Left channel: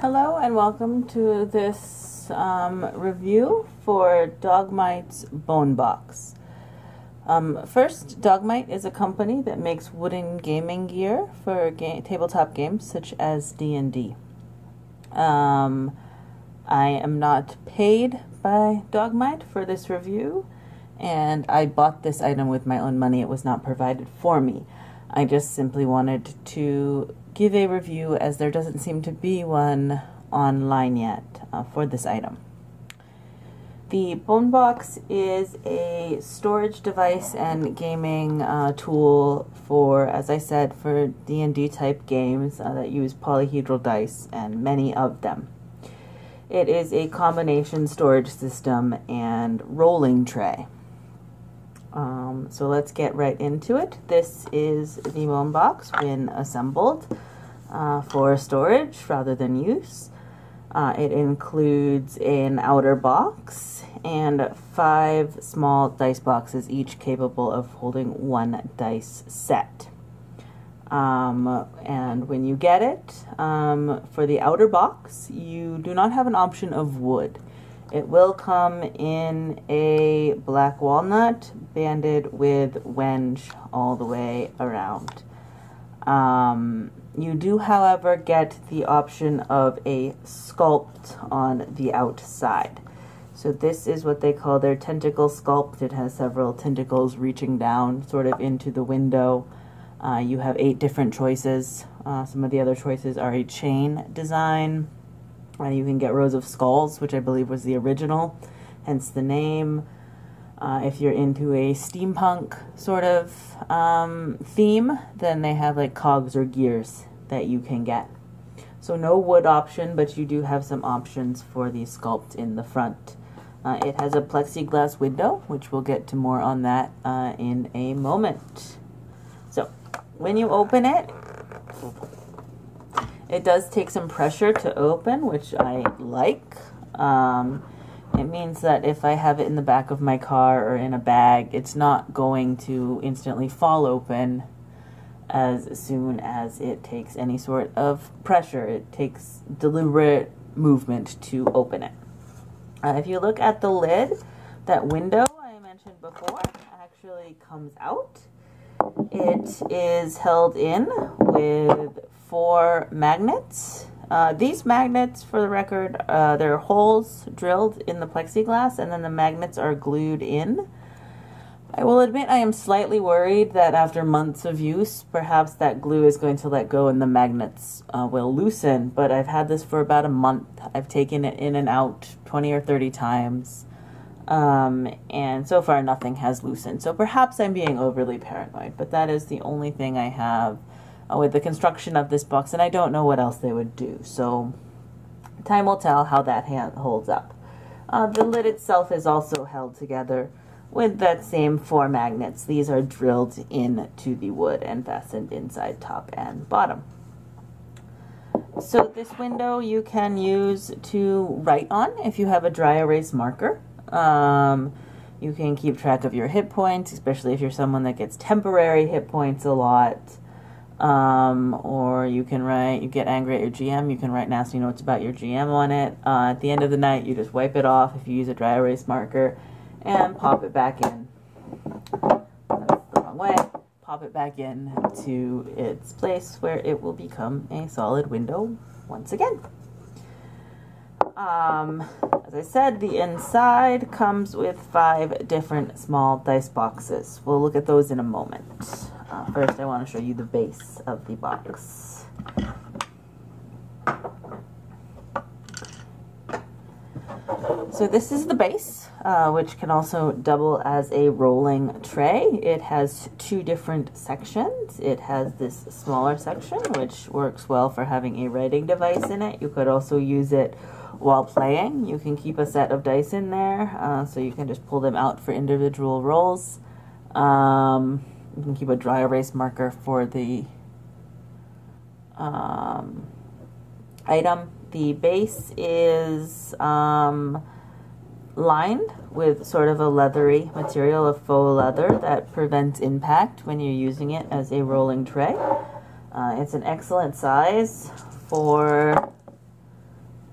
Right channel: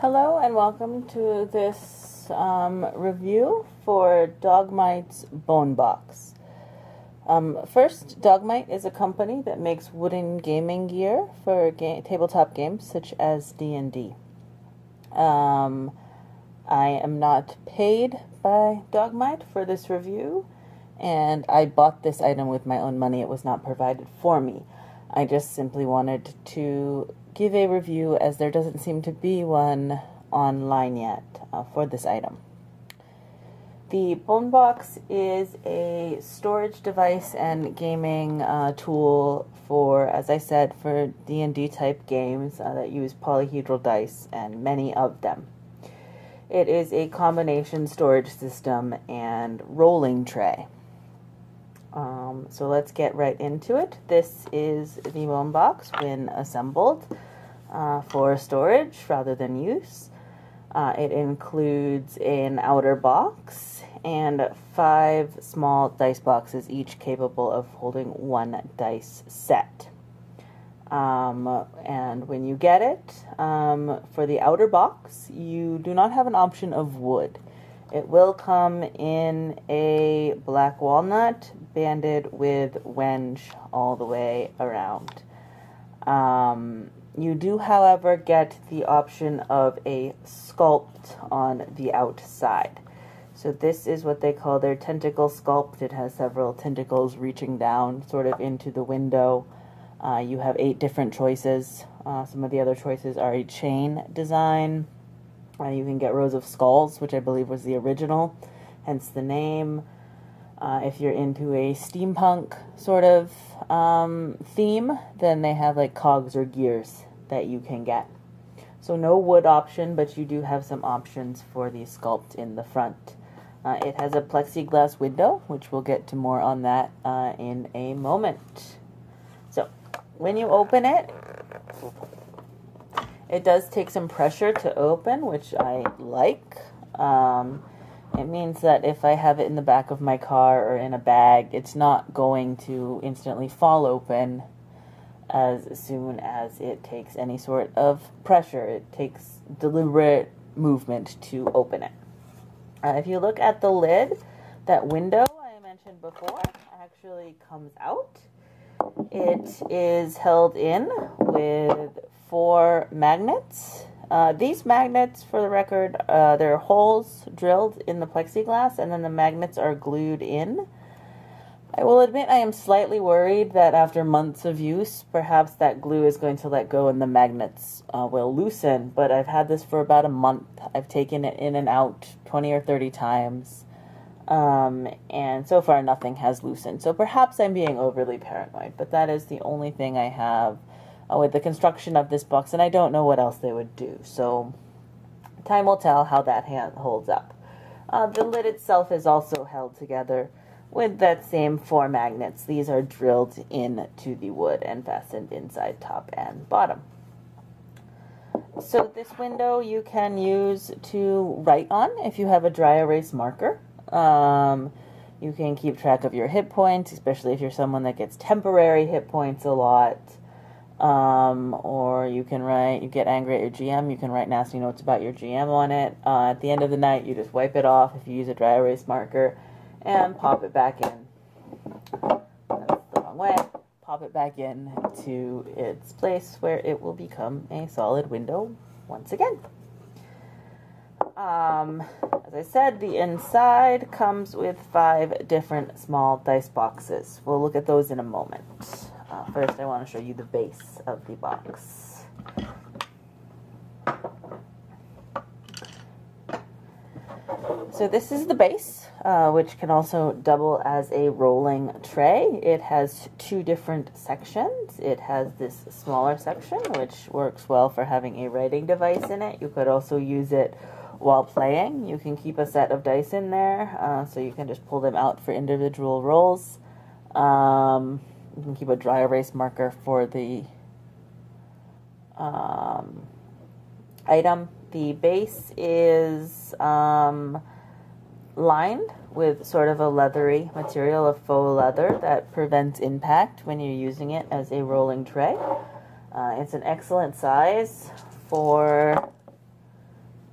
Hello and welcome to this review for Dogmight's Bone Box. First, Dogmight is a company that makes wooden gaming gear for tabletop games such as D&D. I am not paid by Dogmight for this review, and I bought this item with my own money. It was not provided for me. I just simply wanted to give a review as there doesn't seem to be one online yet for this item. The Bone Box is a storage device and gaming tool for, as I said, for D&D type games that use polyhedral dice, and many of them. It is a combination storage system and rolling tray. So let's get right into it. This is the Bone Box when assembled for storage rather than use. It includes an outer box and 5 small dice boxes, each capable of holding 1 dice set. And when you get it, for the outer box, you do not have an option of wood. It will come in a black walnut banded with wenge all the way around. You do, however, get the option of a sculpt on the outside. So this is what they call their tentacle sculpt. It has several tentacles reaching down sort of into the window. You have 8 different choices. Some of the other choices are a chain design. You can get rows of skulls, which I believe was the original, hence the name. If you're into a steampunk sort of theme, then they have like cogs or gears that you can get. So no wood option, but you do have some options for the sculpt in the front. It has a plexiglass window, which we'll get to more on that in a moment. So when you open it, it does take some pressure to open, which I like. It means that if I have it in the back of my car or in a bag, it's not going to instantly fall open as soon as it takes any sort of pressure. It takes deliberate movement to open it. If you look at the lid, that window I mentioned before actually comes out. It is held in with 4 magnets. These magnets, for the record, there are holes drilled in the plexiglass, and then the magnets are glued in. I will admit I am slightly worried that after months of use, perhaps that glue is going to let go and the magnets will loosen, but I've had this for about a month. I've taken it in and out 20 or 30 times, and so far nothing has loosened. So perhaps I'm being overly paranoid, but that is the only thing I have with the construction of this box, and I don't know what else they would do. So time will tell how that holds up. The lid itself is also held together with that same 4 magnets. These are drilled into the wood and fastened inside top and bottom. So this window you can use to write on if you have a dry erase marker. You can keep track of your hit points, especially if you're someone that gets temporary hit points a lot. Or you can write, you get angry at your GM, you can write nasty notes about your GM on it. At the end of the night, you just wipe it off if you use a dry erase marker and pop it back in. That's the wrong way. Pop it back in to its place where it will become a solid window once again. As I said, the inside comes with 5 different small dice boxes. We'll look at those in a moment. First, I want to show you the base of the box. So this is the base, which can also double as a rolling tray. It has 2 different sections. It has this smaller section, which works well for having a writing device in it. You could also use it while playing. You can keep a set of dice in there, so you can just pull them out for individual rolls. You can keep a dry erase marker for the item. The base is lined with sort of a leathery material, a faux leather that prevents impact when you're using it as a rolling tray. It's an excellent size for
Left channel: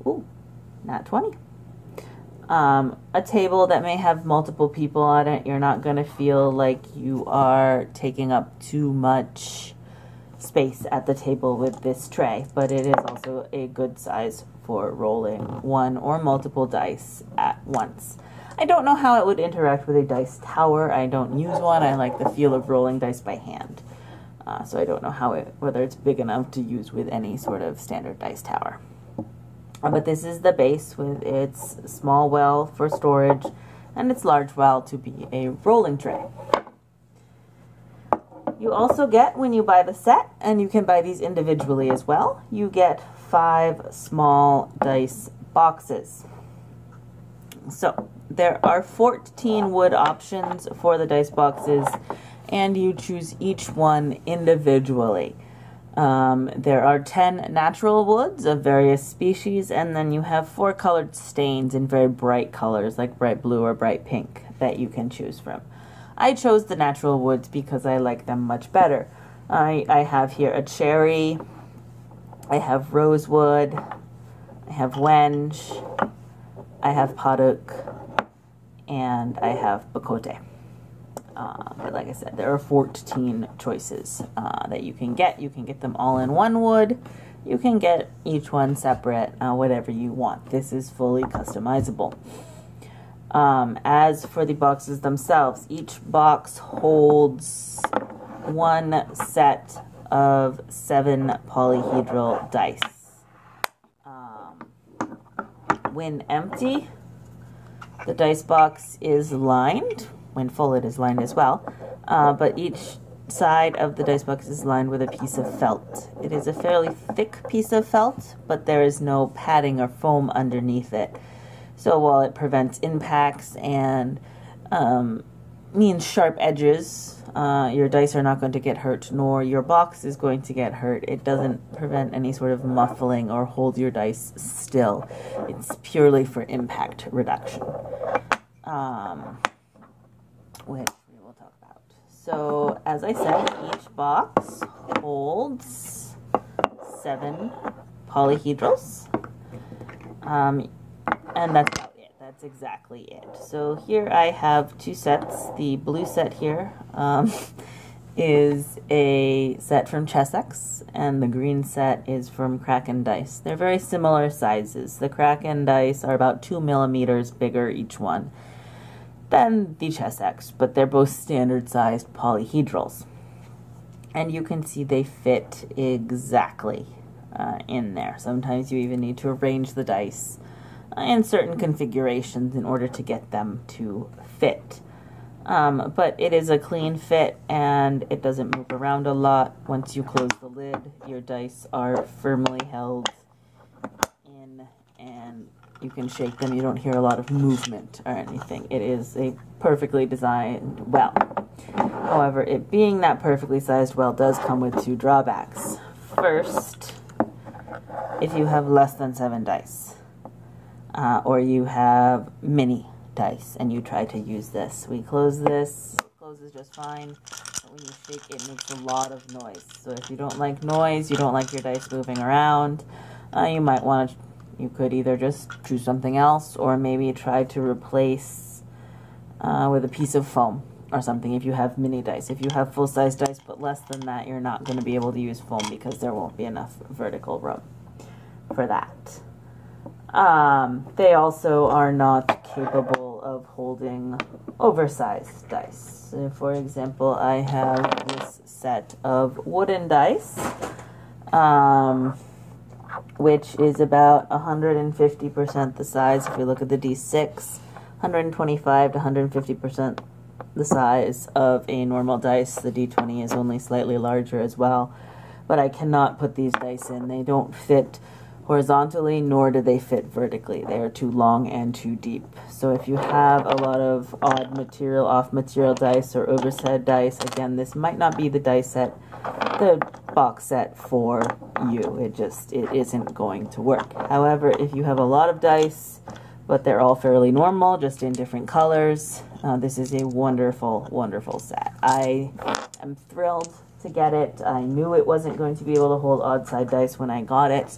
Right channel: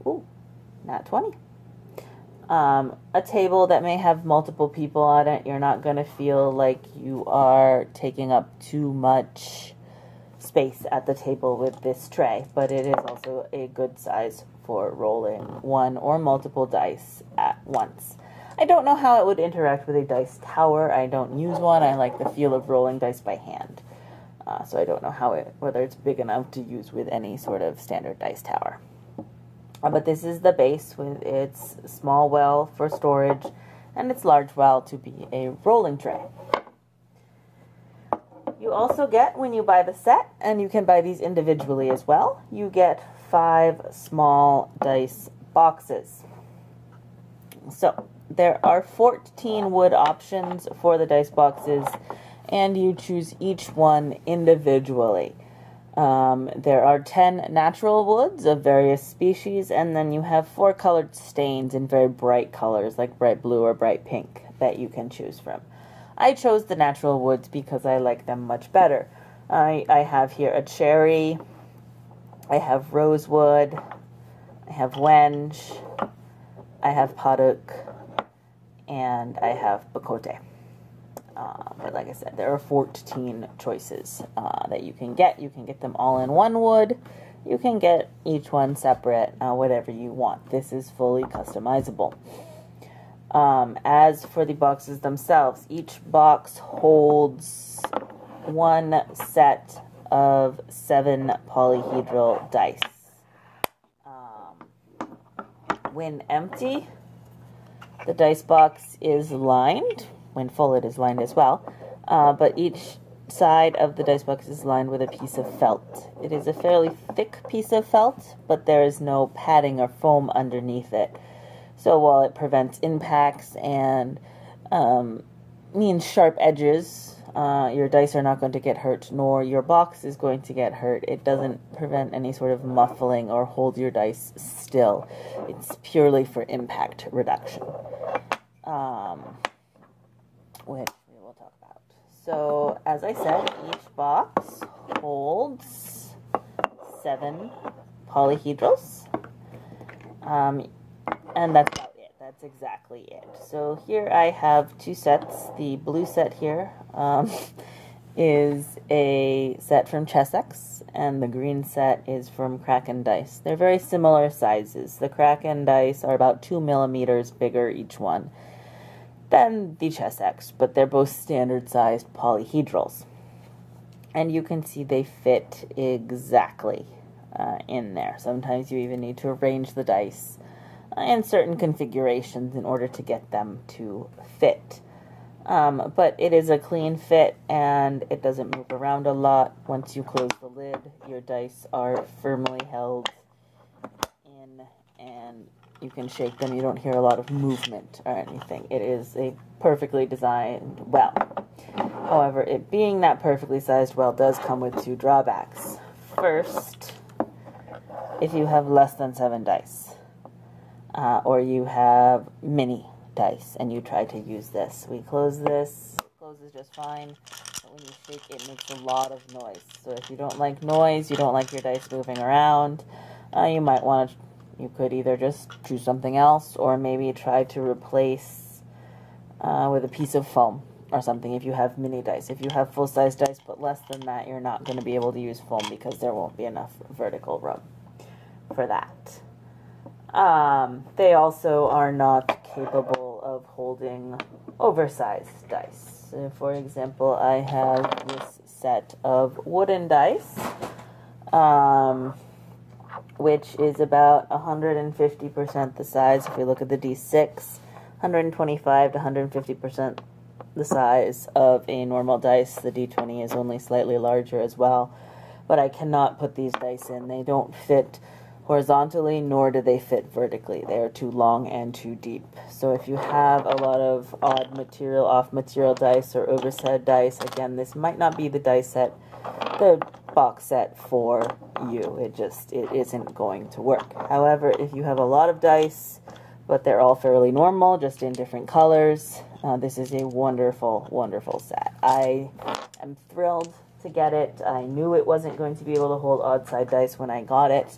Ooh, nat 20. A table that may have multiple people on it, you're not going to feel like you are taking up too much space at the table with this tray, but it is also a good size for rolling one or multiple dice at once. I don't know how it would interact with a dice tower. I don't use one. I like the feel of rolling dice by hand. So I don't know whether it's big enough to use with any sort of standard dice tower. But this is the base with its small well for storage and its large well to be a rolling tray. You also get, when you buy the set, and you can buy these individually as well, you get 5 small dice boxes. So there are 14 wood options for the dice boxes, and you choose each one individually. There are 10 natural woods of various species, and then you have 4 colored stains in very bright colors, like bright blue or bright pink, that you can choose from. I chose the natural woods because I like them much better. I have here a cherry, I have rosewood, I have wenge, I have paduk, and I have bacote. But like I said, there are 14 choices that you can get. You can get them all in one wood. You can get each one separate, whatever you want. This is fully customizable. As for the boxes themselves, each box holds one set of 7 polyhedral dice. When empty, the dice box is lined. When full, it is lined as well. But each side of the dice box is lined with a piece of felt. It is a fairly thick piece of felt, but there is no padding or foam underneath it. So while it prevents impacts and means sharp edges, your dice are not going to get hurt, nor your box is going to get hurt. It doesn't prevent any sort of muffling or hold your dice still. It's purely for impact reduction, which we will talk about. So, as I said, each box holds 7 polyhedrals. And that's about it. That's exactly it. So here I have 2 sets. The blue set here is a set from Chessex, and the green set is from Kraken Dice. They're very similar sizes. The Kraken Dice are about 2 millimeters bigger each one than the Chessex, but they're both standard-sized polyhedrals. And you can see they fit exactly in there. Sometimes you even need to arrange the dice in certain configurations in order to get them to fit. But it is a clean fit, and it doesn't move around a lot. Once you close the lid, your dice are firmly held in, and you can shake them. You don't hear a lot of movement or anything. It is a perfectly designed well. However, it being that perfectly sized well does come with 2 drawbacks. First, if you have less than 7 dice, or you have mini dice and you try to use this. We close this, it closes just fine, but when you shake it makes a lot of noise. So if you don't like noise, you don't like your dice moving around, you might want to, you could either just choose something else or maybe try to replace with a piece of foam or something if you have mini dice. If you have full-size dice but less than that, you're not going to be able to use foam because there won't be enough vertical room for that. They also are not capable of holding oversized dice. So for example, I have this set of wooden dice, which is about 150% the size. If we look at the D6, 125 to 150% the size of a normal dice. The D20 is only slightly larger as well, but I cannot put these dice in. They don't fit horizontally, nor do they fit vertically. They are too long and too deep. So if you have a lot of odd material, off material dice or overset dice, again, this might not be the dice set, the box set for you. It isn't going to work. However, if you have a lot of dice, but they're all fairly normal, just in different colors, this is a wonderful, wonderful set. I am thrilled to get it. I knew it wasn't going to be able to hold odd side dice when I got it.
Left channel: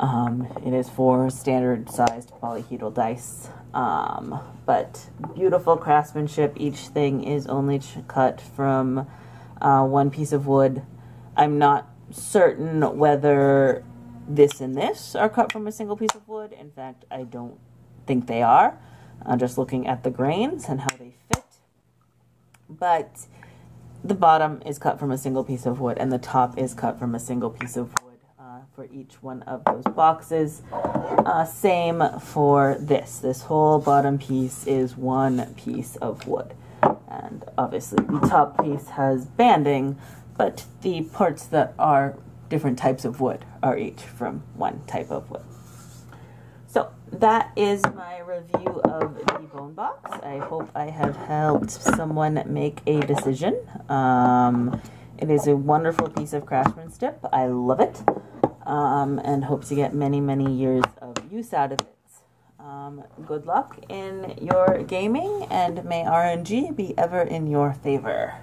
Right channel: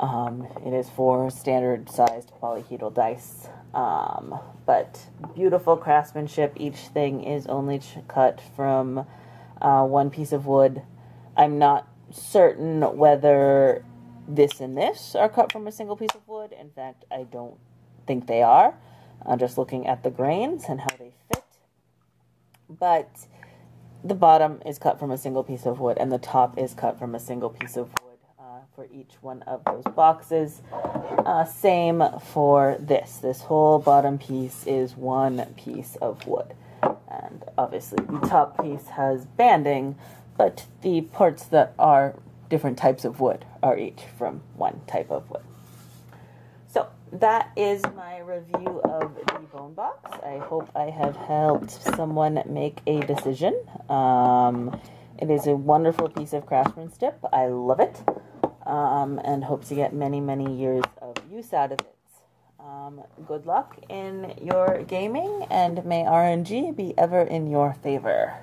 It is 4 standard sized polyhedral dice, but beautiful craftsmanship. Each thing is only cut from 1 piece of wood. I'm not certain whether this and this are cut from a single piece of wood. In fact, I don't think they are. Just looking at the grains and how they fit. But the bottom is cut from a single piece of wood, and the top is cut from a single piece of wood for each one of those boxes. Same for this. This whole bottom piece is 1 piece of wood. And obviously the top piece has banding, but the parts that are different types of wood are each from 1 type of wood. So that is my review of the bone box. I hope I have helped someone make a decision. It is a wonderful piece of craftsmanship. I love it, and hope to get many, many years of use out of it. Good luck in your gaming, and may RNG be ever in your favor.